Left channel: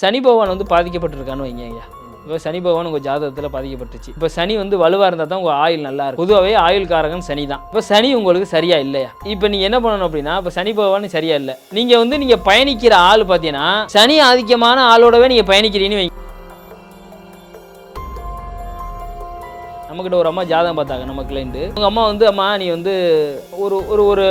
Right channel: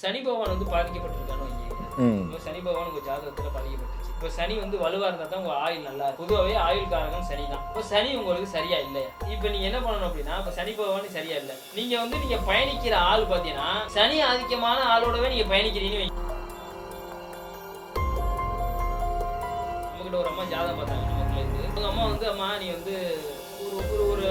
சனி பகவான் வந்து பாதிக்கப்பட்டிருக்கான்னு வைங்க ஐயா. இப்போ சனி பகவான் உங்கள் ஜாதகத்தில் பாதிக்கப்பட்டுச்சு. இப்போ சனி வந்து வலுவாக இருந்தால் தான் உங்கள் ஆயுள் நல்லா இருக்கும். பொதுவாகவே ஆயுள் காரகன் சனி தான். இப்போ சனி உங்களுக்கு சரியா இல்லையா? இப்போ நீங்கள் என்ன பண்ணணும் அப்படின்னா, இப்போ சனி பகவான் சரியா இல்லை, நீங்கள் பயணிக்கிற ஆள் பார்த்தீங்கன்னா சனி ஆதிக்கமான ஆளோடவே நீங்கள் பயணிக்கிறீன்னு வைங்க. நம்மக்கிட்ட ஒரு அம்மா ஜாதகம் பார்த்தாங்க நம்ம கிளைண்ட். உங்கள் அம்மா வந்து அம்மா நீ வந்து ஒரு ஒரு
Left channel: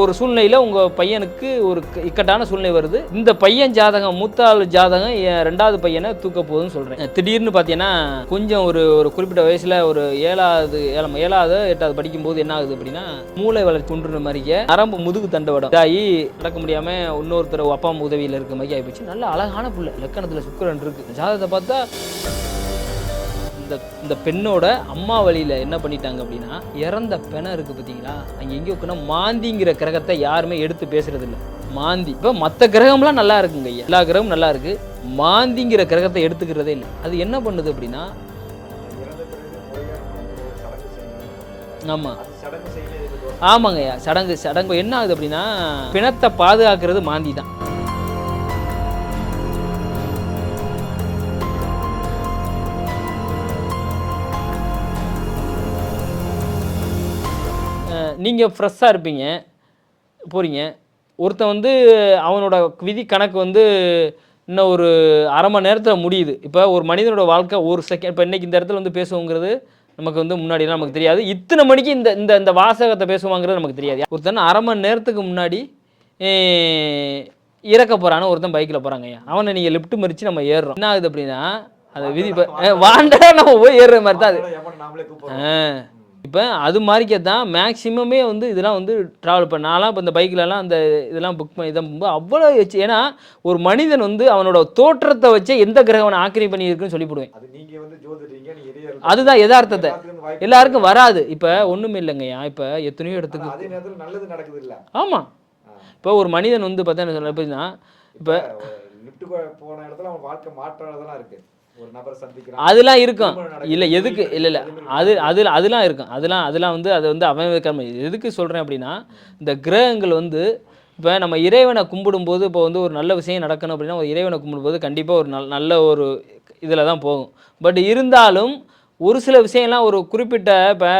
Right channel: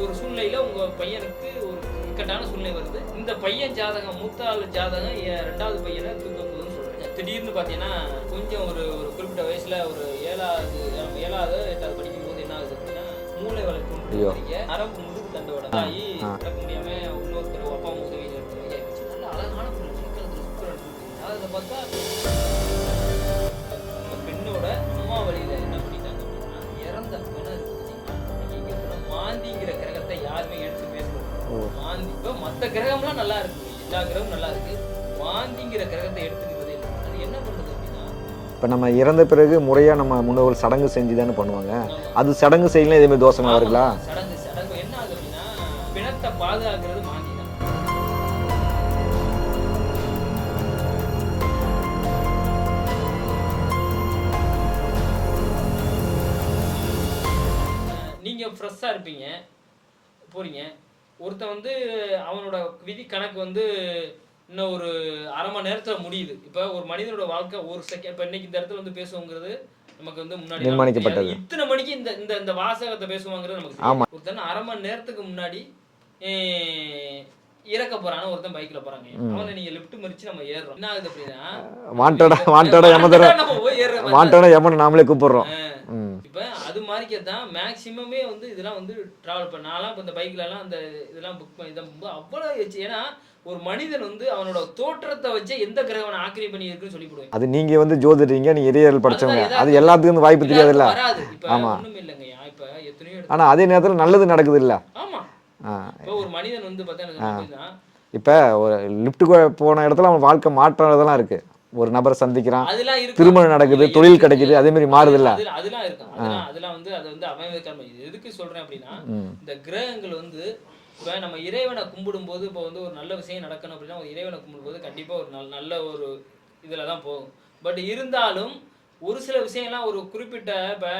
ஒரு சூழ்நிலையில் உங்கள் பையனுக்கு ஒரு இக்கட்டான சூழ்நிலை வருது. இந்த பையன் ஜாதகம் மூத்த ஆள் ஜாதகம் என் ரெண்டாவது பையனை தூக்க போகுதுன்னு சொல்கிறேன். திடீர்னு பார்த்தீங்கன்னா கொஞ்சம் ஒரு குறிப்பிட்ட வயசில் ஒரு ஏழாவது 8வது படிக்கும்போது என்ன ஆகுது அப்படின்னா மூளை வளர்ச்சி குன்றுற மாதிரிக்க நரம்பு முதுகு தண்டவடம் இதாகி நடக்க முடியாமல் இன்னொருத்தர் அப்பா அம்மா உதவியில் இருக்க மாதிரி ஆகிப்போச்சு. நல்ல அழகான புள்ள, லக்கணத்தில் சுக்கிரன் இருக்கு. ஜாதகத்தை பார்த்தா இந்த பெண்ணோட அம்மா வழியில் என்ன பண்ணிட்டாங்க அப்படின்னா இறந்த பெணம் இருக்குது பார்த்தீங்களா, அங்கே எங்கேயோ இருக்குன்னா மாந்திங்கிற கிரகத்தை யாருமே எடுத்து பேசுறது இல்லை. மாந்தி இப்போ மற்ற கிரகம்லாம் நல்லா இருக்குங்க ஐயா, எல்லா கிரகமும் நல்லா இருக்கு, மாந்திங்கிற கிரகத்தை எடுத்துக்கிறதே இல்லை. அது என்ன பண்ணுது அப்படின்னா, இப்போ நம்ம இறந்த பிறகு முறையாக நம்ம முன்னோர்கள் சடங்கு செஞ்சு தானே பண்ணுவாங்க. ஆமாம், அது சடங்கு செய்யலாம் இதே மாதிரி தோசை. ஆமாங்க, சடங்கு என்ன ஆகுது அப்படின்னா பிணத்தை பாதுகாக்கிறது மாந்தி தான். நீங்கள் ஃப்ரெஷ்ஷாக இருப்பீங்க, போகிறீங்க, ஒருத்தன் வந்து அவனோட விதி கணக்கு வந்து இன்னும் ஒரு அரை மணி நேரத்தில் முடியுது. இப்போ ஒரு மனிதனோட வாழ்க்கை ஒரு செகண்ட், இப்போ இன்றைக்கி இந்த இடத்துல வந்து பேசுவோங்கிறது நமக்கு வந்து முன்னாடிலாம் நமக்கு தெரியாது. இத்தனை மணிக்கு இந்த வாசகத்தை பேசுவாங்கிறது நமக்கு தெரியாது. ஒருத்தன் அரை மணி நேரத்துக்கு முன்னாடி இறக்க போறான்னு ஒருத்தன் பைக்கில் போகிறாங்க, அவனை நீங்கள் லிஃப்ட் மறித்து நம்ம ஏறுறோம். என்ன ஆகுது அப்படின்னா நம்ம போய் ஏறுற மாதிரி நாமளே கூப்பிடுறோம். இப்போ அது மாதிரிக்கே தான் மேக்சிமமே வந்து இதெல்லாம் வந்து ட்ராவல் பண்ண நான்லாம் இப்போ இந்த பைக்கிலலாம் அந்த இதெல்லாம் புக் பண்ணி இதான் அவ்வளோ வச்சு. ஏன்னா ஒரு மனிதன் வந்து அவனோட தோற்றத்தை வச்சு எந்த கிரகம் ஆக்கிரமி பண்ணி இருக்குன்னு சொல்லிவிடுவேன். அது நீங்கள் வந்து ஜோதிடீங்க, நீங்கள் அதுதான் எதாவது எல்லாத்துக்கும் வாய்ப்பு எல்லாருக்கும் வராது. இப்போ ஒன்றுமே இல்லைங்கய்யா, இப்போ எத்தனையோ எடுத்து ஆனால் அதே நேரத்தில் நல்லது நடக்குது இல்லை. ஆமாம், இப்போ ஒரு மனிதன் வந்து பார்த்தா என்ன சொன்னா, இப்போ ஒரு லிஃப்ட்டுக்கு போன இடத்துல அவன் வாழ்க்கை மாற்றதெல்லாம் இருக்கு. ஒரு நபரை சந்திக்கிறான், அதெல்லாம் இருக்கு, திருமணம் நடக்குது, தொழில் கிடைக்குது, அதே மாதிரி மாறுது. அதெல்லாம் இருக்கும். அதெல்லாம் வந்து அது வந்து அவன் எதுக்கு சொல்றேன் அப்படின்னா, இந்த கிரகங்கள் வந்து இப்போ நம்ம இறைவனை கும்பிடும்போது இப்போ வந்து ஒரு நல்ல விஷயம் நடக்கணும் அப்படின்னா ஒரு இறைவனை கும்பிடும்போது கண்டிப்பாக ஒரு நல்ல ஒரு இதில் தான் போகும். பட் இருந்தாலும் ஒரு சில விஷயம்லாம் ஒரு குறிப்பிட்ட இப்போ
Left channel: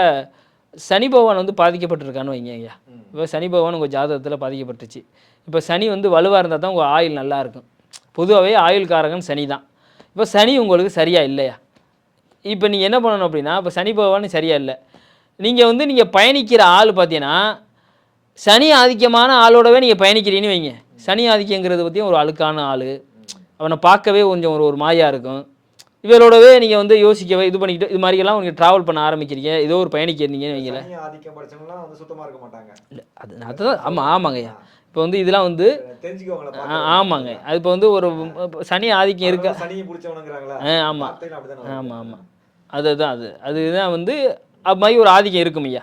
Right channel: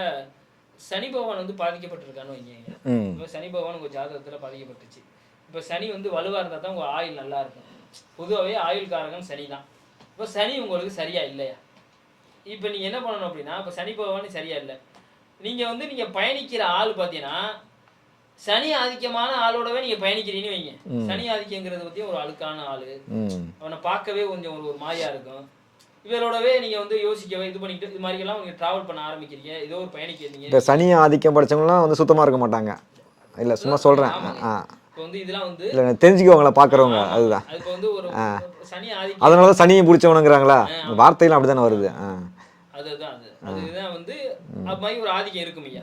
சனி பகவான் வந்து பாதிக்கப்பட்டிருக்கான்னு வைங்க ஐயா. இப்போ சனி பகவான் உங்கள் ஜாதகத்தில் பாதிக்கப்பட்டுச்சு. இப்போ சனி வந்து வலுவாக இருந்தால் தான் உங்கள் ஆயுள் நல்லா இருக்கும். பொதுவாகவே ஆயுள் காரகன் சனி தான். இப்போ சனி உங்களுக்கு சரியா இல்லையா? இப்போ நீங்கள் என்ன பண்ணணும் அப்படின்னா, இப்போ சனி பகவான் சரியா இல்லை, நீங்கள் பயணிக்கிற ஆள் பார்த்தீங்கன்னா சனி ஆதிக்கமான ஆளோடவே நீங்கள் பயணிக்கிறீன்னு வைங்க. சனி ஆதிக்கங்கிறது பற்றியும் ஒரு அழுக்கான ஆள், அவனை பார்க்கவே கொஞ்சம் ஒரு மாயா இருக்கும். இவரோடவே நீங்கள் வந்து யோசிக்கவே இது பண்ணிக்கிட்டு இது மாதிரியெல்லாம் நீங்கள் ட்ராவல் பண்ண ஆரம்பிக்கிறீங்க, ஏதோ ஒரு பயணிக்கிறீங்க. சனி ஆதிக்கம் படித்தவங்களாம் வந்து சுத்தமாக இருக்க மாட்டாங்க. இல்லை சொல்கிறேன். ஆமாங்க, இப்போ வந்து இதெல்லாம் வந்து தெரிஞ்சுக்கோங்களா பார்க்குறோம். ஆமாங்க, அது இப்போ வந்து ஒரு சனி ஆதிக்கம், அதனால சனியை பிடிச்சவனுங்கிறாங்களா, வார்த்தையில அப்படி தானே வருது. அதுதான் வந்து அது மாதிரி ஒரு ஆதிக்கம் இருக்கும் ஐயா.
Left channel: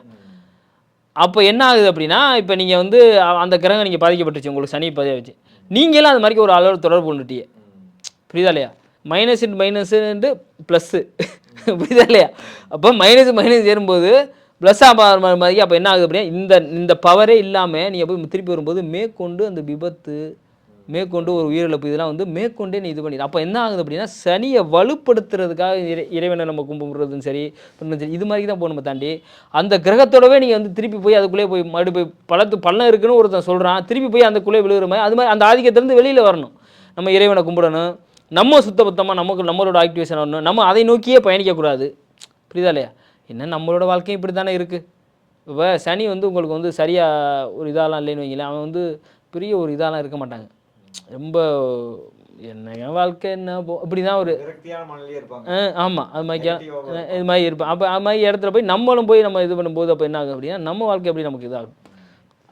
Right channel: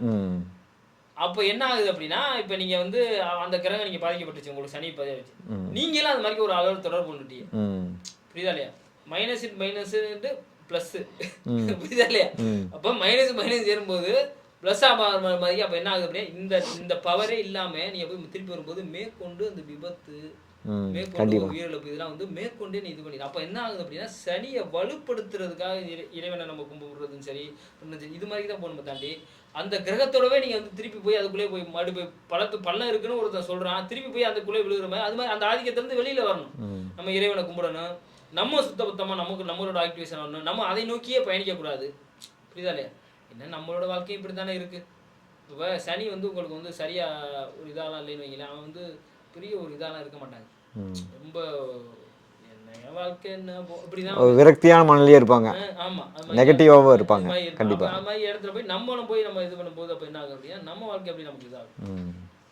அப்போ என்ன ஆகுது அப்படின்னா, இப்போ நீங்கள் வந்து அந்த கிரகம் நீங்கள் பாதிக்கப்பட்டுச்சு, உங்களுக்கு சனி பதிய வச்சு நீங்களும் அது மாதிரி ஒரு அளவு தொடர்பு கொண்டுட்டீங்க. புரியுதா இல்லையா? மைனஸ் ப்ளஸ்ஸு, புரியுதா இல்லையா? அப்போ மைனஸ் ஏறும்போது ப்ளஸ் மாதிரி. அப்போ என்ன ஆகுது அப்படின்னா இந்த பவரே இல்லாமல் நீங்கள் போய் திருப்பி வரும்போது மேற்கொண்டு அந்த விபத்து, மேற்கொண்டு ஒரு உயிரிழப்பு, இதெல்லாம் வந்து மேற்கொண்டே நீ இது பண்ணிடு. அப்போ என்ன ஆகுது அப்படின்னா சனியை வலுப்படுத்துறதுக்காக இறைவனை நம்ம கும்பிடுறதும் சரி இது மாதிரி தான் போகணும். தாண்டி அந்த கிரகத்தோடவே நீங்கள் வந்து திருப்பி போய் அதுக்குள்ளே போய் மறுபடி போய் பள்ளம் இருக்குன்னு ஒருத்தன் சொல்கிறான், திருப்பி போய் அதுக்குள்ளே விழுகிற மாதிரி அது மாதிரி அந்த ஆதிக்கத்திலேருந்து வெளியில் வரணும். நம்ம இறைவனை கும்பிடணும், நம்ம சுத்தபத்தமாக நம்மளோட ஆக்டிவேஷன் வரணும், நம்ம அதை நோக்கியே பயணிக்கக்கூடாது. புரியுதா இல்லையா? என்ன நம்மளோட வாழ்க்கையும் இப்படி தானே இருக்குது. இப்போ சனி வந்து உங்களுக்கு வந்து சரியாக ஒரு இதெல்லாம் இல்லைன்னு வைங்களேன், அவன் வந்து பெரிய ஒரு இதெல்லாம் இருக்க மாட்டாங்க. ரொம்ப என்ன வாழ்க்கை என்ன அப்படிதான் ஒரு விரக்தியான மனநிலையே இருப்பாங்க. ஆமாம், அது மாதிரி நெகட்டிவாக இருப்பாங்க. இது மாதிரி இருப்பாங்க. அப்போ அது மாதிரி இடத்துல போய் நம்மளும் போய் நம்ம இது பண்ணும்போது அப்போ என்ன ஆகும் அப்படின்னா நம்ம வாழ்க்கை எப்படி நமக்கு இதாகும்.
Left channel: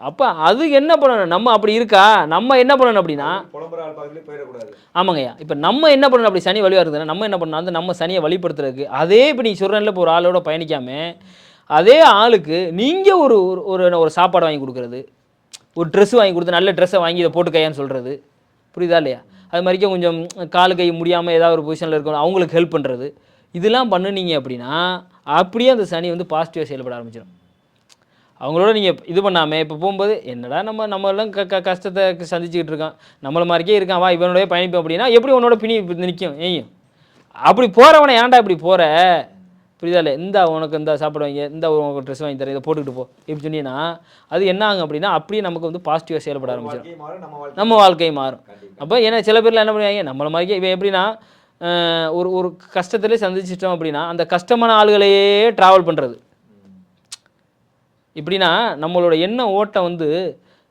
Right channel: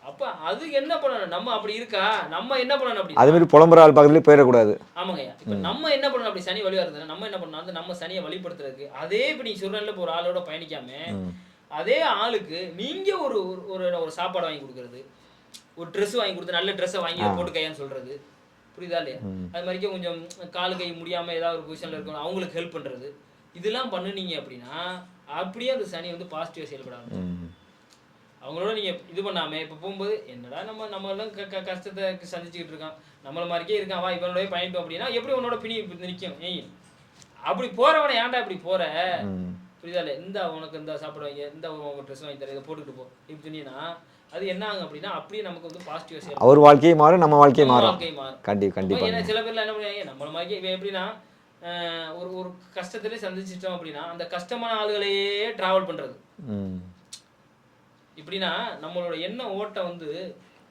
அப்போ அது என்ன பண்ணணும், நம்ம அப்படி இருக்கா, நம்ம என்ன பண்ணணும் அப்படின்னா அது மாதிரி புலம்புற ஆள் பக்கத்துலேயே போயிடக்கூடாது. ஆமாங்கய்யா. இப்போ நம்ம என்ன பண்ணணும், அப்படி சனி வழியாக இருக்குதுன்னா நம்ம என்ன பண்ணணும், வந்து நம்ம சனியை வழிபடுத்துறதுக்கு அதே இப்போ நீங்கள் சொல்கிறேன்ல, இப்போ ஒரு ஆளோட பயணிக்காமல் அதே ஆளுக்கு நீங்கள் ஒரு சாப்பாடு வாங்கி கொடுக்குறது, ஒரு ட்ரெஸ் வாங்கி கொடுத்து நல்ல ட்ரெஸ்ஸை வாங்கி இதை போட்டு கையான்னு சொல்கிறது. புரியுதா இல்லையா? அது மாதிரிக்கே கொஞ்சம் காலு கை முடியாமல் ஏதாவது ஒரு பொசிஷனில் இருக்கணும் அவங்களுக்கு ஹெல்ப் பண்ணுறது, இதெல்லாம் பண்ணுனீங்க அப்படின்னா அப்படியே அந்த சனி வந்து பாசிட்டிவாக செயல்பட ஆரம்பிச்சிடும். அவங்களோட நீங்கள் இது பண்ணாமல் இப்போ போகும்போது என்னடா நம்மளாம் கஷ்டத்தை சந்திச்சுக்கிட்டு இருக்கோம், நம்மள மாதிரிக்கே இருக்கான், வா இவனோடய பயணிப்போம் அப்படின்னா எப்படி உன்னோட பிணி நிற்கும் ஏயும்? அப்படி போகிறவனை ஏன்டா இப்படி போகிற, புரியுதா இல்லை? இந்த உனக்கு இந்த சாப்பிட வைங்க, இந்த உனக்கு ட்ரெஸ் வாங்கி தரேன், இதை போட்டுக்கிட்டு போ இப்படி சொன்னீங்கன்னா அது என்ன ஆகும் அப்படின்னா அப்படியே நமக்கு வந்து பாசிட்டிவாக செயல்படும். அவர் வாழ்க்கையை மாறும், நம்ம வாழ்க்கையை மாறும். கண்டிப்பாக. அப்போ ஏன்னா சில பேர்லாம் என்ன பண்ணுவாங்க, நம்மள மாதிரிக்கே இவன் எப்படின்னா ஒரு கஷ்டத்திலே சந்திச்சிட்டோம் அப்படின்னா அந்த கஷ்டமான ஆளுகளையே ட்ராவல் பண்ணுறது. இப்படின்னா நம்மளோட எண்ண ஓட்டம் வந்து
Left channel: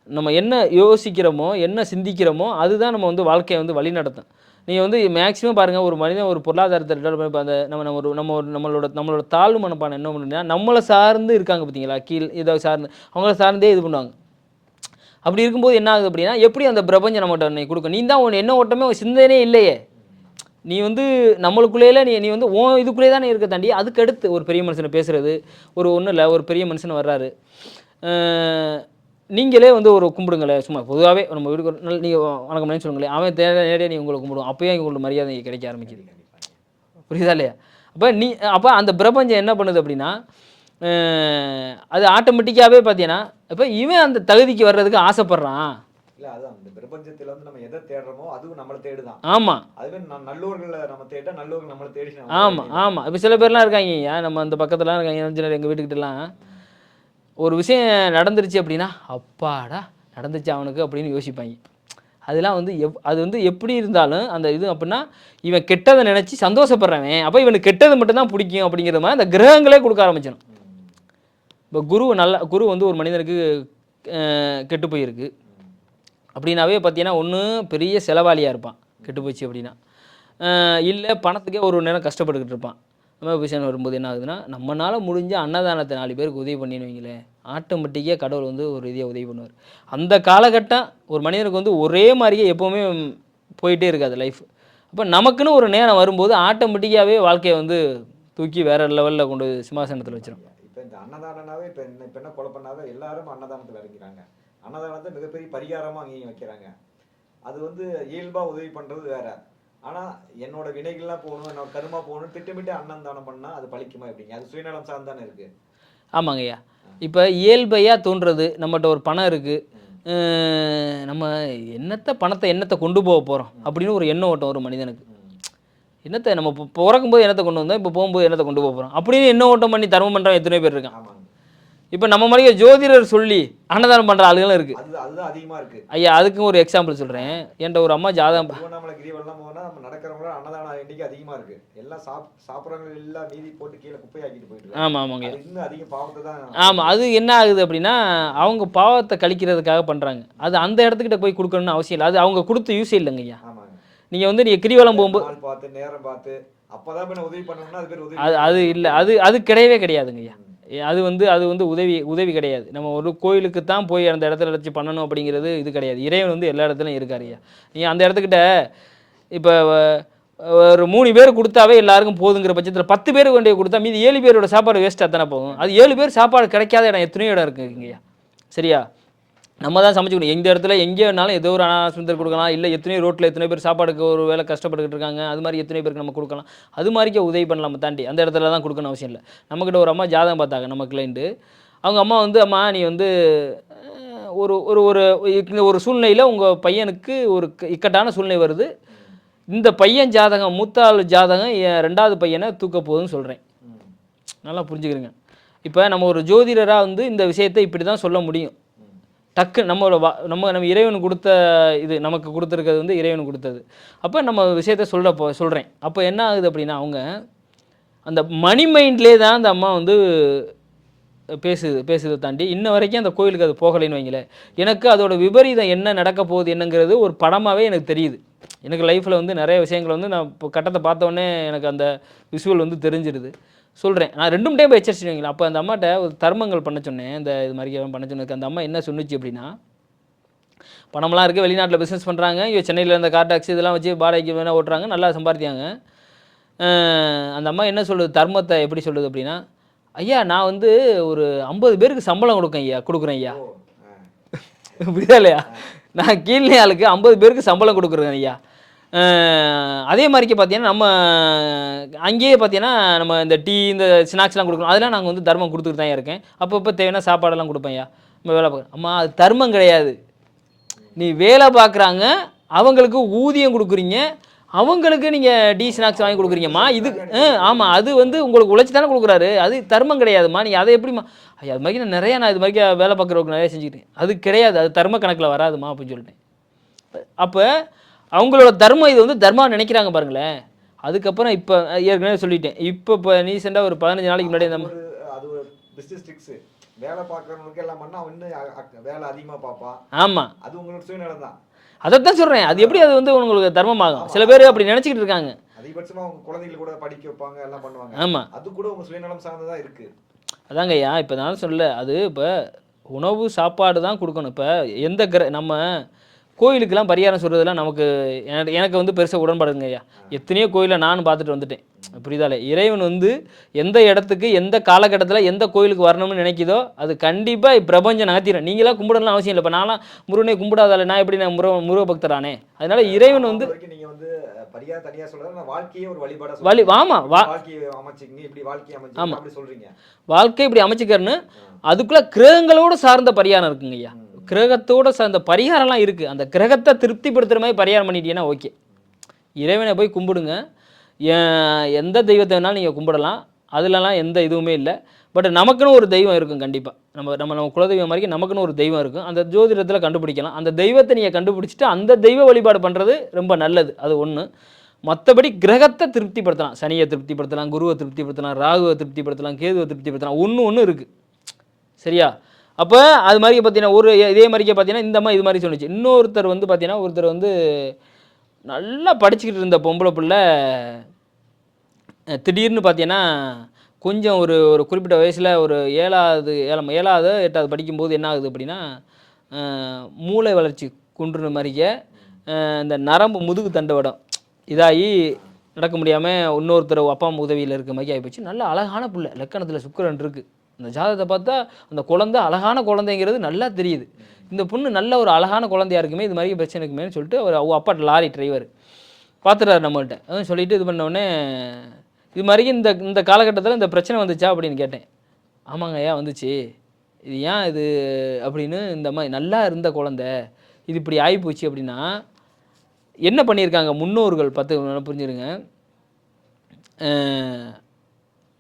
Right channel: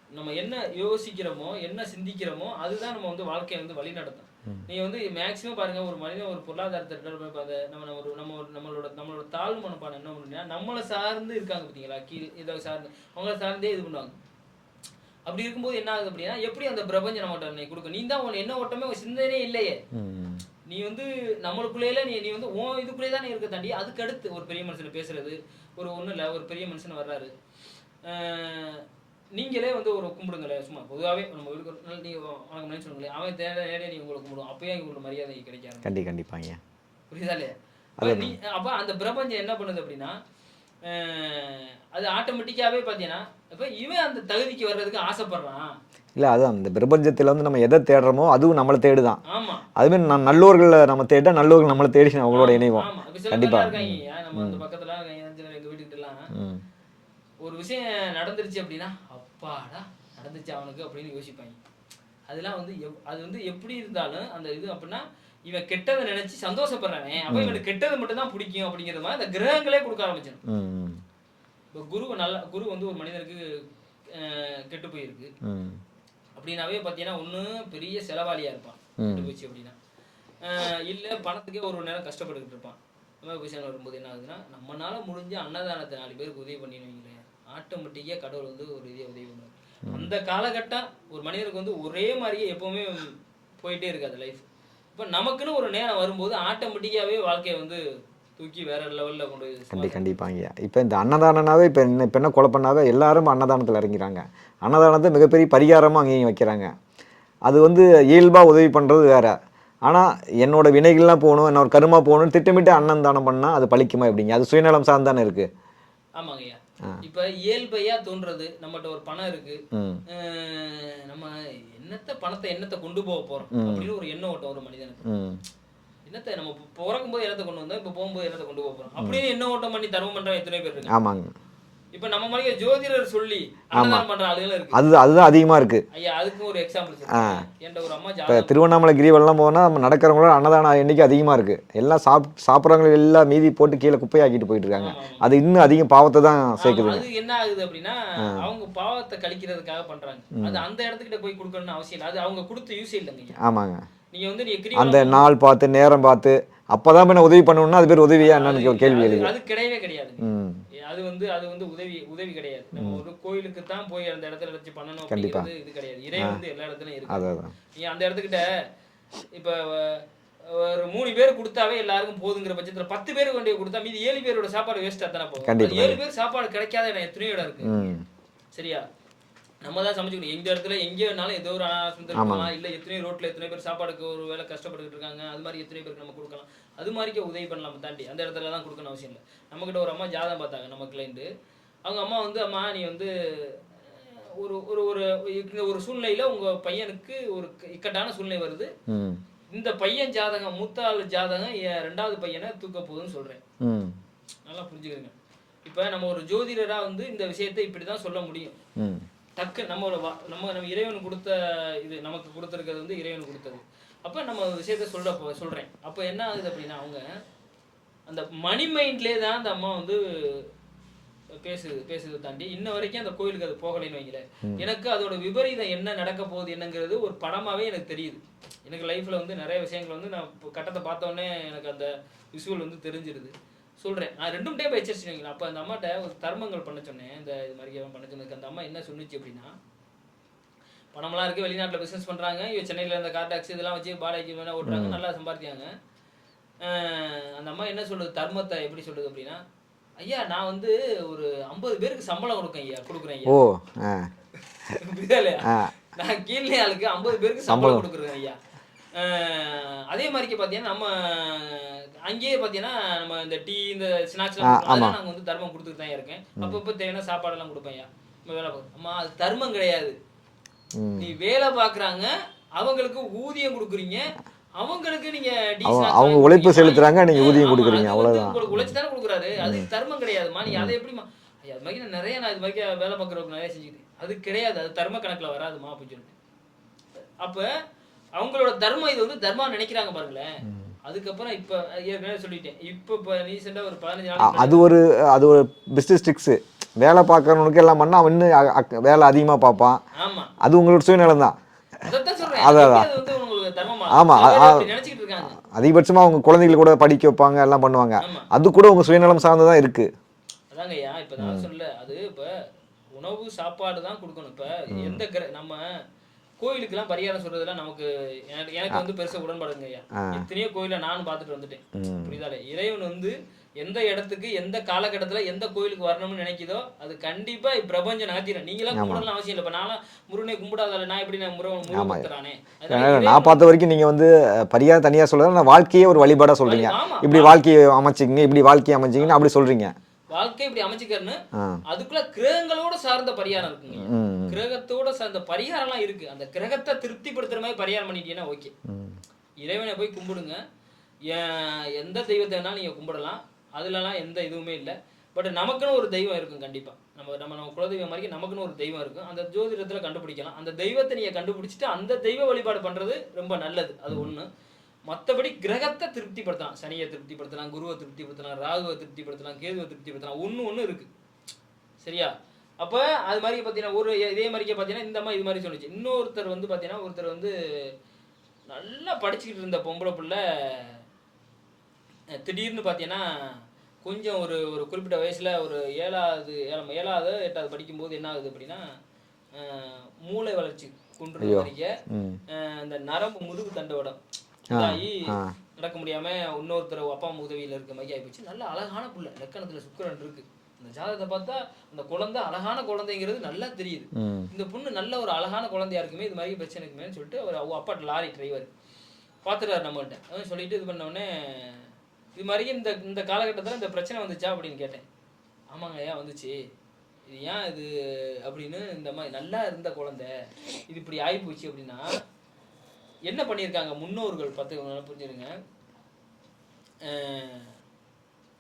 நம்ம என்ன யோசிக்கிறோமோ என்ன சிந்திக்கிறோமோ அதுதான் நம்ம வந்து வாழ்க்கையை வந்து வழி நடத்தும். நீங்கள் வந்து மேக்ஸிமம் பாருங்கள், ஒரு மனிதன் ஒரு பொருளாதாரத்தை அந்த நம்மளோட தாழ்வு மனப்பான என்ன பண்ணுன்னா நம்மளை சார்ந்து இருக்காங்க பார்த்தீங்களா, கீழ் இதை சார்ந்து அவங்கள சார்ந்தே இது பண்ணுவாங்க. அப்படி இருக்கும்போது என்ன ஆகுது அப்படின்னா எப்படி அந்த பிரபஞ்சம் நம்மகிட்ட கொடுக்கும்? நீ தான் உன் என்ன ஓட்டமே சிந்தனையே இல்லையே, நீ வந்து நம்மளுக்குள்ளேயே நீ வந்து உன் இதுக்குள்ளே தான் இருக்க தாண்டி அதுக்கு அடுத்து ஒரு பெரிய மனுஷனை பேசுறது ஒன்றும் இல்லை. ஒரு பெரிய மனுஷன் வர்றாரு, நீங்களே வந்து ஒரு கும்பிடுங்களேன், சும்மா பொதுவாகவே நம்ம வீட்டுக்கு நீங்கள் வணக்கம் சொல்லுங்களேன், அவன் நேரடியாக நீ உங்களை கும்பிடுவோம், அப்போயே உங்களுக்கு மரியாதை கிடைக்க ஆரம்பிக்கும். கண்டிப்பாங்க. புரியுதா இல்லையா? அப்போ அந்த பிரபஞ்சம் என்ன பண்ணுது அப்படின்னா அது ஆட்டோமேட்டிக்காகவே பார்த்தீங்கன்னா இப்போ இவன் அந்த தகுதிக்கு வர்றதுக்கு ஆசைப்படுறான். இல்லை, அதுதான் இந்த பிரபஞ்சத்தில் வந்து நம்ம எதை தேடுறோமோ அதுவும் நம்மளை தேடுதான். ஆமாம், அதுமாதிரி நல்லோர்களை நம்ம தேட நல்லோர்கள் நம்மளை தேடி. ஆமாம். இப்போ சில பேர்லாம் இருக்காங்க, நம்ம அந்த பக்கத்துலாம் இருக்காங்க, எங்கள் வீட்டுக்கிட்டலாம் ஒரு விஷயம் நடந்துருச்சு அப்படின்னா அப்பாடா நடந்துச்சு அவனுக்கு அப்படின்னு யோசிப்பாங்க. அதெல்லாம் வந்து அது வந்து எப்படி இருந்தாலும் அந்த இது அப்படின்னா இவன் கெட்டதை நினச்சி சந்தோஷப்படுறவன், அப்போ இவனுக்கு கெட்டது மட்டும்தான் பிடிக்கும் அப்படிங்கிற மாதிரி அந்த கிரகங்களே கொடுக்க ஆரம்பிச்சிடும். இப்போ குரு வந்து ஒரு மனிதனுக்கு கெட்டு போயிருக்கு அப்படின்னாவே பார்த்தீங்கன்னா ஒன்று பெரிய செலவாளியாக இருப்பான் கெட்டு போச்சு அப்படின்னா, இல்லை பணத்துக்கே ஒரு நேரம் கஷ்டப்பட்டுக்கிட்டு இருப்பான். நம்ம விஷயம் வரும்போது என்ன ஆகுதுன்னா நம்மளால் முடிஞ்ச அன்னதானத்தை 4 பேருக்கு உதவி பண்ணின்னு வைங்களேன், ஆட்டோமேட்டிக்காக கடவுள் வந்து ஒரு ரீதியாக உதவி பண்ணுவார். அந்த காலகட்டம் ஒரு மனிதனுக்கு வந்து ஒரே மாதிரியே எப்போவுமே போயிட்டே இருக்காது லைஃப். இப்போ நமக்குன்னு ஒரு நேரம் வரும்போது ஆட்டோமேட்டிக்காகவே வாழ்க்கையை வந்து தூக்கி வேற லெவலில் கொண்டு சிம்மாசனம். இப்போ இந்த அன்னதானனாவே இப்போ என்ன கொலை பண்ணாவே எல்லாரும் அன்னதானத்தில் இறங்கிறாங்க. அன்னதானத்தை மிகப்பெரிய பரிகாரமாக அங்கேயும் வைக்கிறாங்க. அது வந்து இயல்பாக உதவி பண்ணுறது வேற. ஆனால் என்னோட வினைகள்லாம் போகணும், என்னோட கருமா போகணும்னு திட்டமிட்டு அன்னதானம் பண்ணால் அது பழிக்குமா எப்படிங்க? அது சுயநலம் சார்ந்தானே இருக்குது. ஆமாங்க ஐயா. இப்போ இயல்பையாக தோன்றது நம்மகிட்ட ஒரு பணம் இருக்குது, நம்ம பணத்தை கொண்டு போக போகிறோம் அப்படின்னு ஒரு எண்ணம் ஓட்டம் ஒரு மனிதனுக்கு. என்னத்தை நம்ம பிறக்கும்போது என்னத்தை கொண்டு வந்தோம், இப்போ போகும்போது என்னத்தை கொண்டு போக போகிறோம் அப்படின்னு என்ன ஓட்டம் பண்ணி தர்மம் பண்ணுறவங்க எத்தனை பேர் இருக்காங்க. ஆமாங்க. இப்போ நம்ம மாதிரி ஜோதிடர் சொல்லி அன்னதானம் பண்ணுற ஆளுகளும் இருக்குது. அதுதான் அதிகமாக இருக்குது ஐயா. அதுக்கும் ஒரு எக்ஸாம்பிள் சொல்கிறேன். என்கிட்ட ஒரு அம்மா ஜாதகம், திருவண்ணாமலை கிரிவெல்லாம் போனால் நம்ம நடக்கிறவங்களோட அன்னதானம் எண்ணிக்கை அதிகமாக இருக்குது. எல்லாம் சாப்பிட்றவங்க எல்லாம் மீதி போட்டு கீழே குப்பையாக்கிட்டு போயிட்டு இருக்காங்க. ஆமாம் ஆமாம். அது இன்னும் அதிகம் பாவத்தை தான். ஆமாம். அது என்ன ஆகுது அப்படின்னா அவங்க பாவத்தை கழிக்கிறதுக்காக பண்ணுறாங்க. அது அந்த இடத்துக்கிட்ட போய் கொடுக்கணும்னு அவசியம் இல்லை. அது அவங்க கொடுத்து யூஸ் இல்லைங்க ஐயா. ஆமாங்க. நீங்கள் வந்து நீங்கள் கிரிவலம் நாள் பார்த்து நேரம் பார்த்து அப்பதான் என்ன உதவி பண்ணணும்னா அது பேர் உதவியா? அது கிடையவே கிடையாதுங்க. அது வந்து உதவி கிடையாது. நம்ம ஒரு கோயிலுக்கு தான் போய் அந்த இடத்துல வச்சு பண்ணணும் அப்படிங்கிறது இது கிடையாது. இறைவன் வந்து எல்லா இடத்துலையும் இருக்காது. நீ அந்த இடத்துக்கிட்ட இப்போ ஒரு 3 பேர் கொடுத்தாவே எல்லாருக்கும் போதுங்கிற பட்சத்தில் 10 பேருக்கு வேண்டிய கொடுத்தா மீதி 7 பேரோட சாப்பாடு வேஸ்ட்டாக தானே போகும். அது 7 பேர் சாப்பாடு கிடைக்காத இடம் எத்தனையோ இடம் இருக்குங்க. சரியா? நம்ம தான் சமைச்சுக்கணும். எந்த இடத்துல எங்கே வேணாலும் ஏதோ ஒரு அனாசுந்தர் கொடுக்கலாம், இல்லை எத்தனையோ ரோட்டில் எத்தனை பேர் சாப்பாடுக்கு ஒரு வேலை கஷ்டப்பட்டுக்கிட்டு இருக்காங்க, அது மாதிரி எத்தனை பேருக்கு நம்ம கொடுக்கலாம். அது மாதிரிக்கே உதவி பண்ணலாம் தாண்டி அந்த இடத்துல தான் கொடுக்கணும் அவசியம் இல்லை. நம்மக்கிட்ட ஒரு அம்மா ஜாதகம் பார்த்தாங்க நம்ம கிளைண்ட்டு. அவங்க அம்மா வந்து அம்மா நீ வந்து ஒரு ஒரு ஒரு சூழ்நிலையில் உங்கள் பையனுக்கு ஒரு இக்கட்டான சூழ்நிலை வருது, இந்த பையன் ஜாதகம் மூத்தாள் ஜாதகம் என் 2வது பையனை தூக்க போகுதுன்னு சொல்கிறேன். நல்லா புரிஞ்சுக்கிறேங்க. இப்போ நம்ம ஒரு ஜோதிடராக வந்து இந்த விஷயத்தை இப்படி தான் சொல்ல முடியும். டக்கு நம்ம இறைவன் கொடுத்த இது நமக்கு கொடுத்துருக்கிறது வந்து இறைவன் கொடுத்தது. அப்போ நம்ம விஷயத்த சொல்கிறேன். அப்போ என்ன ஆகுது அப்படின்னா அவங்க அந்த மணி மைண்ட்லேயே தான் அந்த அம்மா வந்து பேசுதை தாண்டி இன்ன வரைக்கும் அந்த கோயிலுக்கு அது போகலைன்னு வைங்களேன். எனக்கு அதோட விபரீதம் என்ன நடக்க போகுது என்னங்கிறது ஒரு படமாகவே எனக்கு தெரியுது. எனக்கு லைஃப்பில் வந்து நிறைய விஷயங்கள் வந்து நான் இப்போ கட்டத்தை பார்த்தோன்னே எனக்கு அந்த விஷுவல் வந்து தெரிஞ்சிடுது. சொல்கிறேன், நான் 2 டைம் எச்சரிச்சுவீங்களா. அப்போ அந்த அம்மாட்ட ஒரு தர்மங்கள் பண்ண சொன்னேன், இந்த இது மாதிரி பண்ண சொன்னதுக்கு அந்த அம்மா என்ன சொன்னிச்சு அப்படின்னா, பணம்லாம் இருக்குது, வெளிநாட்டில் பிஸ்னஸ் பண்ணுறாங்க, இவ சென்னையில் இருந்த கார் டாக்ஸி இதெல்லாம் வச்சு வாடகைக்கு வேணால் ஓட்டுறாங்க, நல்லா சம்பாதித்தாங்க. அந்த அம்மா என்ன சொல்லுது, தர்மத்தை எப்படி சொல்லுது அப்படின்னா, ஐயா நான் வந்து ஒரு 50 பேருக்கு சம்பளம் கொடுக்குறேன் ஐயா. புரியுதா இல்லையா? நான் கீழே ஆளுக்கு 50 பேருக்கு சம்பளம் கொடுக்குறேன் ஐயா. அதே மாதிரிக்கு பார்த்தீங்கன்னா நம்ம அங்கேயே பார்த்தீங்கன்னா நம்ம இந்த டீ இந்த ஸ்நாக்ஸ்லாம் கொடுக்கணும், அதெல்லாம் நாங்கள் வந்து தர்மம் கொடுத்துட்டு தான் இருக்கேன். அப்பப்போ தேவையான சாப்பாடெல்லாம் கொடுப்பேன்யா. நம்ம வேலை பார்க்க அம்மா அது தர்மம் கிடையாது. நீ வேலை பார்க்குறாங்க, அவங்களுக்கு ஊதியம் கொடுக்குறீங்க, அவங்களுக்கு நீங்க டீ ஸ்நாக்ஸ் வாங்கி கொடுக்குறீங்கம்மா. ஆமா, அது வந்து உங்களுக்கு உழைச்சி தானே கொடுக்குறாரு, அது தர்மம் கிடையாதுமா. நீ அதை எப்படிமா? ஐயா அது மாதிரி நிறையா நான் இது மாதிரி வேலை பார்க்குறவங்க நிறைய செஞ்சுக்கிட்டேன். அது கிடையாது, அது தர்ம கணக்கில் வராதுமா அப்படின்னு சொல்லிட்டேன். அப்போ அவங்களோட தர்மம் இது வந்து தர்மம் நினைக்கிறாங்க பாருங்களேன். அதுக்கப்புறம் இப்போ ஏற்கனவே சொல்லிட்டேன். இப்போ ரீசெண்டாக ஒரு 15 நாளைக்கு முன்னாடி அது ஒரு பிஸ்னஸ் ட்ரிக்ஸு. வேலை பார்க்குறவனுக்கு எல்லாம் பண்ணால் அவன் இன்னும் வேலை அதிகமாக பார்ப்பான். ஆமாம், அது உங்களோட சுயநலம் தான். அதைத்தான் சொல்கிறேன். அது எப்படி அது வந்து உங்களுக்கு தர்மமாகும்? சில பேர் அப்படி நினச்சிக்கிட்டு இருக்காங்க. அதிகபட்சமாக அவங்க குழந்தைகள் கூட படிக்க வைப்பாங்க, எல்லாம் பண்ணுவாங்க. ஆமாம், அது கூட உங்கள் சுயநலம் சார்ந்து தான் இருக்குது. அதாங்க ஐயா. இப்போ நான் சொல்ல அது இப்போ உணவு சாப்பாடு தான் கொடுக்கணும். இப்போ எந்த நம்ம கோயிலுக்கெல்லாம் பரிகாரம் சொல்றதெல்லாம் நமக்கு எனக்கு வந்து பெருசாக உடன்பாடுங்க ஐயா. எத்தனையோ கோயிலை நானும் பார்த்துட்டு வந்துட்டேன். புரியுதாலே? இறைவன் வந்து எந்த இடத்துக்கு எந்த காலகட்டத்தில் எந்த கோயிலுக்கு வரணும்னு நினைக்குதோ அது கண்டிப்பாக பிரபஞ்சம் நகர்த்திடும். நீங்களாம் கும்பிடலாம் அவசியம் இல்லை. இப்போ நான்லாம் முருகனை கும்பிடாதால நான் எப்படி நான் முருக பக்தரானே? அதனால இறைவன் பார்த்த வரைக்கும் நீங்கள் வந்து பரிகாரம் தனியாக சொல்ல நான் வாழ்க்கையே ஒரு வழிபாடாக சொல்லுங்க. ஆமாம், இப்படி வாழ்க்கையை அமைச்சிங்க, இப்படி வாழ்க்கையை அமைச்சிங்கன்னு அப்படி சொல்றீங்க. வாழ்க்கை இப்படி அமைச்சுக்கிறன்னு அதுக்குள்ள கிரகங்களோட சார்ந்த பரிகாரம் இருக்குங்க ஐயா. கிரகத்தோட சார்ந்த பரிகாரம்லாம் இருக்கு. அந்த கிரகத்தை திருப்திப்படுத்துற மாதிரி பரிகாரம் பண்ணிட்டீங்கன்னா ஓகே. இறைவனை போய் கும்பிடுங்க. எந்த தெய்வத்தை வேணாலும் நீங்கள் கும்பிடலாம், அதுலலாம் எந்த இதுவுமே இல்லை. பட் நமக்குன்னு ஒரு தெய்வம் இருக்கும் கண்டிப்பாக. நம்ம குலதெய்வம் மாதிரி நமக்குன்னு ஒரு தெய்வம் இருக்கும். அந்த ஜோதிடத்தில் கண்டுபிடிக்கலாம். அந்த தெய்வத்தை நீங்கள் கண்டுபிடிச்சிட்டு அந்த தெய்வ வழிபாடு பண்ணுறது ரொம்ப நல்லது. அது ஒன்று. மற்றபடி கிரகத்தை திருப்திப்படுத்தலாம். சனியை திருப்திப்படுத்தலாம், குருவை திருப்திப்படுத்தலாம், ராகுவை திருப்திப்படுத்தலாம், கேதுவை திருப்திப்படுத்தலாம். ஒன்று இருக்குது. சரியா? அப்போ அது மாதிரி பார்த்தீங்கன்னா இதே மாதிரிக்கே பார்த்தீங்கன்னா இந்த மாதிரி இது மாதிரி சொன்னிச்சு. இன்னொருத்தர் வந்து பார்த்தீங்கன்னா ஒருத்தர் வந்து நல்லா படிச்சுக்கிட்டு இருந்த பொம்பளை பிள்ளை திடீர்னு பார்த்தீங்கன்னா கொஞ்சம் ஒரு குறிப்பிட்ட வயசில் ஒரு 7வது 8வது படிக்கும்போது என்ன ஆகுது அப்படின்னா மூளை வளர்ச்சி குன்றுன மாதிரிக்க இந்த நரம்பு முதுகு தண்டவடம் இதாகி நடக்க முடியாமல் இன்னொருத்தர் அப்பா அம்மா உதவியில் இருக்க மாதிரி ஆகிப்போச்சு. நல்ல அழகான பிள்ளை, லக்கணத்தில் சுக்கிரன் இருக்குது. அந்த ஜாதகத்தை பார்த்தா அந்த குழந்தை அழகான குழந்தைங்கிறது நல்லா தெரியுது. இந்த பொண்ணு நல்ல ஒரு அழகான குழந்தையா இருக்குமே, இது மாதிரி பிரச்சனை இருக்குமேனு சொல்லிட்டு அவர் அப்பா லாரி டிரைவர் பார்த்துட்டாரு நம்மள்கிட்ட. அதான் சொல்லிட்டு இது பண்ணோடனே இது மாதிரி இந்த காலகட்டத்தில் இந்த பிரச்சனை வந்துச்சா அப்படின்னு கேட்டேன். ஆமாங்க ஐயா வந்துச்சு. இது ஏன் இது அப்படின்னு இந்த மாதிரி நல்லா இருந்த குழந்தை இது இப்படி ஆகிப்போச்சு அப்படின்னா என்ன பண்ணியிருக்காங்க முன்னோர்கள்? நல்லா புரிஞ்சுருங்க.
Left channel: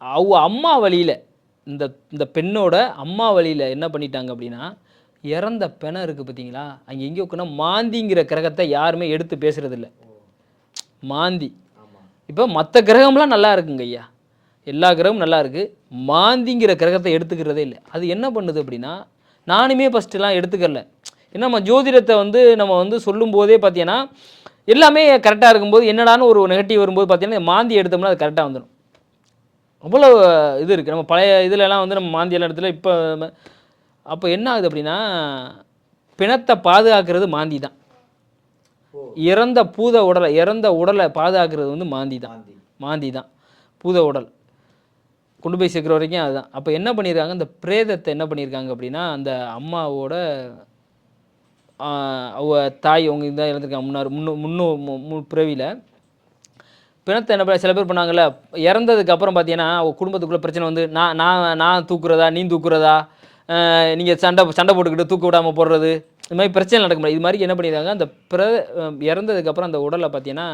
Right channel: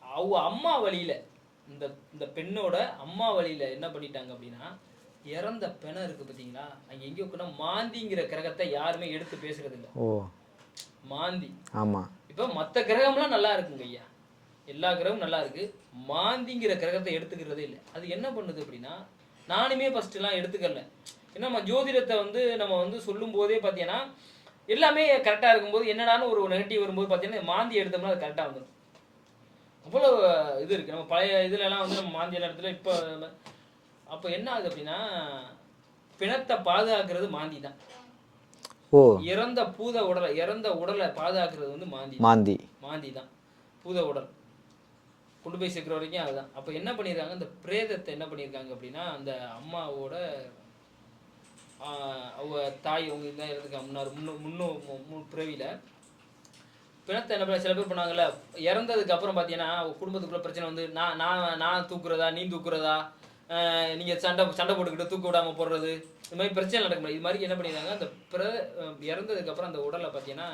அவங்க அம்மா வழியில் இந்த பெண்ணோட அம்மா வழியில் என்ன பண்ணிட்டாங்க அப்படின்னா இறந்த பெணம் இருக்குது பார்த்தீங்களா, அங்கே எங்கே இருக்குன்னா மாந்திங்கிற கிரகத்தை யாருமே எடுத்து பேசுறதில்ல. மாந்தி. ஆமாம். இப்போ மற்ற கிரகம்லாம் நல்லா இருக்குங்க ஐயா, எல்லா கிரகமும் நல்லா இருக்குது. மாந்திங்கிற கிரகத்தை எடுத்துக்கிறதே இல்லை. அது என்ன பண்ணுது அப்படின்னா நானுமே ஃபஸ்ட்டுலாம் எடுத்துக்கல. ஏன்னா நம்ம ஜோதிடத்தை வந்து நம்ம வந்து சொல்லும் போதே பார்த்தீங்கன்னா எல்லாமே கரெக்டாக இருக்கும்போது என்னடான்னு ஒரு நெகட்டிவ் வரும்போது பார்த்தீங்கன்னா மாந்தி எடுத்தோம்னா அது கரெக்டாக வந்துடும். அவ்வளோ இது இருக்குது. நம்ம பழைய இதுலலாம் வந்து நம்ம மாந்தி எல்லாம் இடத்துல இப்போ அப்போ என்ன ஆகுது அப்படின்னா பிணத்தை பாதுகாக்கிறது மாந்தி தான். இறந்த உடலை பாதுகாக்கிறது வந்து மாந்தி தான். பூத உடல் கொண்டு போய் சேர்க்குற வரைக்கும் அதுதான். அப்போ என்ன பண்ணியிருக்காங்க, இந்த பிரேதத்தை என்ன பண்ணியிருக்காங்க அப்படின்னா அந்த அம்மாவோட அவ தாய் அவங்க இதான் இறந்துருக்காங்க முன்னூறு பிறவியில் பிணத்தை என்ன சில பேர் பண்ணாங்கல்ல, இறந்ததுக்கு அப்புறம் பார்த்தீங்கன்னா அவங்க குடும்பத்துக்குள்ளே பிரச்சனை வந்து நான் தூக்குறதா நீ தூக்குறதா, நீங்கள் சண்டை போட்டுக்கிட்டு தூக்க விடாமல் போடுறது, இது மாதிரி பிரச்சனை நடக்க முடியாது. இது மாதிரி என்ன பண்ணியிருக்காங்க அந்த இறந்ததுக்கப்புறம் அந்த உடலை பார்த்தீங்கன்னா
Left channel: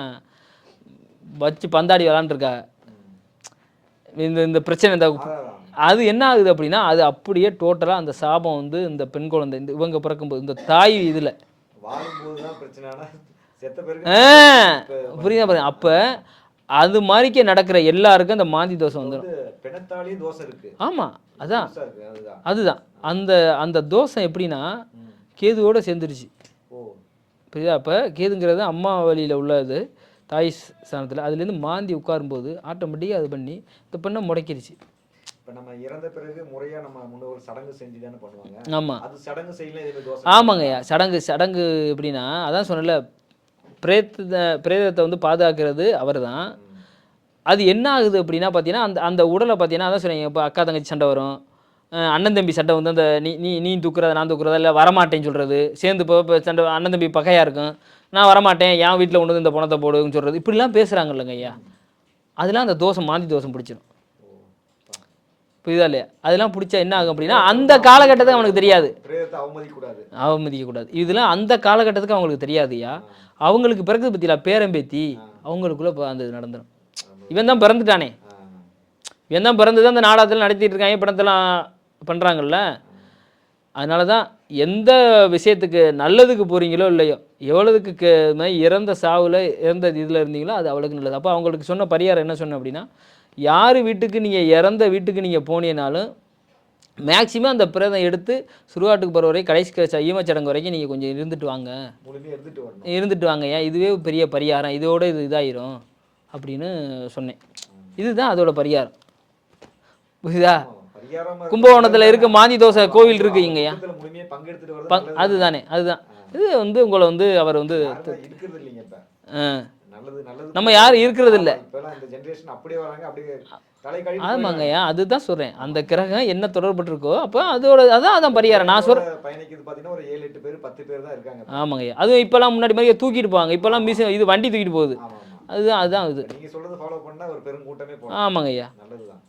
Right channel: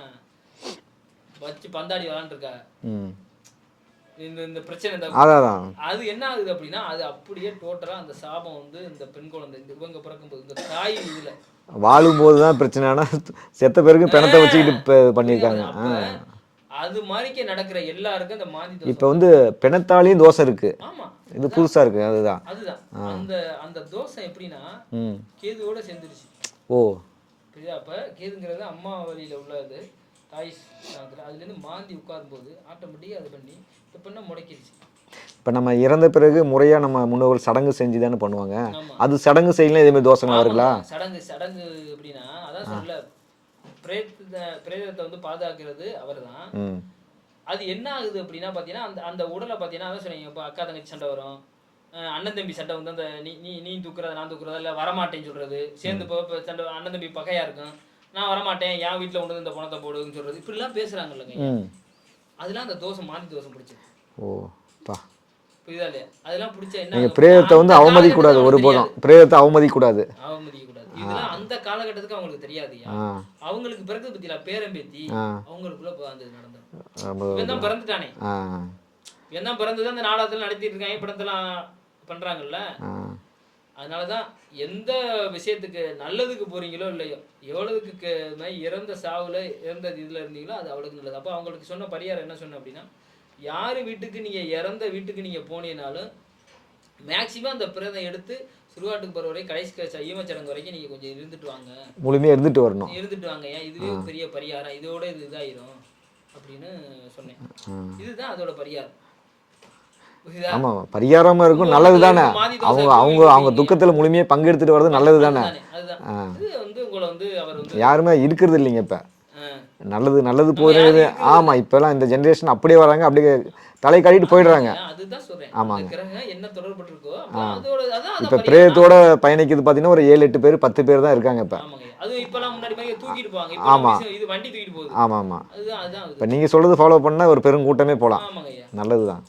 வச்சு பந்தாடி விளாண்டுருக்காங்க. இந்த பிரச்சனை அது என்ன ஆகுது அப்படின்னா அது அப்படியே டோட்டலாக அந்த சாபம் வந்து இந்த பெண் குழந்தை இவங்க பிறக்கும்போது இந்த தாய் இதில் வாழும்போது தான் பிரச்சனைனா செத்த பேருக்கு அப்போ அது மாதிரிக்கே நடக்கிற எல்லாருக்கும் அந்த மாந்தி தோசை. இப்போ வந்து பிணத்தாலையும் தோசை இருக்கு. ஆமாம், இது புதுசாக இருக்கு. அதுதான் அந்த தோசை எப்படின்னா கேதுவோட சேர்ந்துருச்சு. புரியுதா? அப்போ கேதுங்கிறது அம்மா வழியில் உள்ளது, தாய் ஸ்தானத்தில். அதுலேருந்து மாந்தி உட்காரும்போது ஆட்டோமேட்டிக்காக அது பண்ணி இந்த பெண்ணை முடக்கிடுச்சு. இப்போ நம்ம இறந்த பிறகு முறையாக நம்ம முன்னோர்கள் சடங்கு செஞ்சு தானே பண்ணுவாங்க. ஆமாம், அது சடங்கு செய்யலாம் இதேமாதிரி தோசை. ஆமாங்க, சடங்கு எப்படின்னா அதான் சொன்னல பிரேதத்தை வந்து பாதுகாக்கிறது அவர் தான். அது என்ன ஆகுது அப்படின்னா பார்த்தீங்கன்னா அந்த உடலை பார்த்தீங்கன்னா அதான் சொன்னீங்க. இப்போ அக்கா தங்கச்சி சண்டை வரும், அண்ணன் தம்பி சண்டை வந்து அந்த நீ தூக்குறதா நான் தூக்குறதா இல்லை வரமாட்டேன்னு சொல்கிறது சேர்ந்து இப்போ சண்டை, அண்ணன் தம்பி பகையாக இருக்கும், நான் வரமாட்டேன், என் வீட்டில் கொண்டு வந்து இந்த பணத்தை போடுன்னு சொல்றது இப்படிலாம் பேசுறாங்க இல்லைங்க ஐயா. அதெல்லாம் அந்த தோஷம் மாந்தி தோஷம் பிடிச்சிடும். ஓ பா, புரியுதா இல்லையா? அதெல்லாம் பிடிச்சா என்ன ஆகும் அப்படின்னா, பிரேதத்தை அந்த வந்து காலகட்டத்தில் அவமதிக்கூடாது, அவங்களுக்கு ஒரு தெரியாது. பிரேதத்தை அவமதிக்கூடாது. அவமதிக்க கூடாது. இதெல்லாம் அந்த காலகட்டத்துக்கு அவங்களுக்கு தெரியாதுயா. அவங்களுக்கு பிறகு பத்தியா பேரம்பேத்தி அவங்களுக்குள்ள அந்த இது நடந்துடும். இவன் தான் பிறந்துட்டானே, இவன் தான் பிறந்துதான் அந்த நாடகத்தில் நடத்திட்டு இருக்காங்க, படத்தெல்லாம் பண்றாங்கல்ல. அதனால தான் எந்த விஷயத்துக்கு நல்லதுக்கு போறீங்களோ இல்லையோ, எவ்வளவுக்கு இறந்த சாவுல இறந்த இதில் இருந்தீங்களோ அது அவளுக்கு நல்லது. அப்போ அவங்களுக்கு சொன்ன பரிகாரம் என்ன சொன்ன அப்படின்னா, யார் வீட்டுக்கு நீங்கள் இறந்த வீட்டுக்கு நீங்கள் போனீங்கனாலும் மேக்சிமம் அந்த பிரேதம் எடுத்து சுடுகாட்டுக்கு போகிற வரை கடைசி ஈமச்சடங்கு வரைக்கும் நீங்கள் கொஞ்சம் இருந்துட்டு வாங்க, முழுமையாக இருந்துட்டு வரணும், இருந்துட்டு வாங்க. ஏன் இதுவே பெரிய பரிகாரம், இதோட இது இதாயிரும் அப்படின்னு சொன்னேன். இதுதான் அதோட பரிகாரம். பரிகாரமா இருக்கும். மாந்தி தோசை கோவில் அவங்க துக்கத்துல முழுமையா பங்கெடுத்துட்டு வரது நல்லது தானே. அதுதான் இது வந்து உங்களை வந்து அவர் வந்து யாருமே இருக்கிறது இல்லைங்க இப்ப. நல்லது நல்லது நம்ம யாரும் இருக்கிறது ஆமா, இப்ப எல்லாம் இந்த ஜெனரேஷன் அப்படியே வராங்க, அப்படியே தலை காட்டிட்டு போயிடுறாங்க. அதுதான் சொல்றேன், அந்த கிரகம் என்ன தொடர்பட்டிருக்கோ அப்ப அதோட அதான் பரிகாரம் பயணிக்குது. பாத்தீங்கன்னா ஒரு 7-8 பேர் 10 பேர் தான் இருக்காங்க இப்ப. ஆமாங்க. அதுவும் இப்பெல்லாம் முன்னாடி மாதிரி தூக்கிட்டு போவாங்க, இப்பெல்லாம் இது வண்டி தூக்கிட்டு போகுது. ஆமா ஆமா, அதுதான் நீங்க சொல்றது ஃபாலோ பண்ணா ஒரு பெரும் கூட்டமே போலாம். ஆமாங்கய்யா, நல்லதுதான்,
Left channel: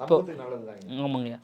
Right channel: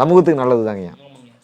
சமூகத்துக்கு நல்லதுதாங்க. ஆமாங்கய்யா.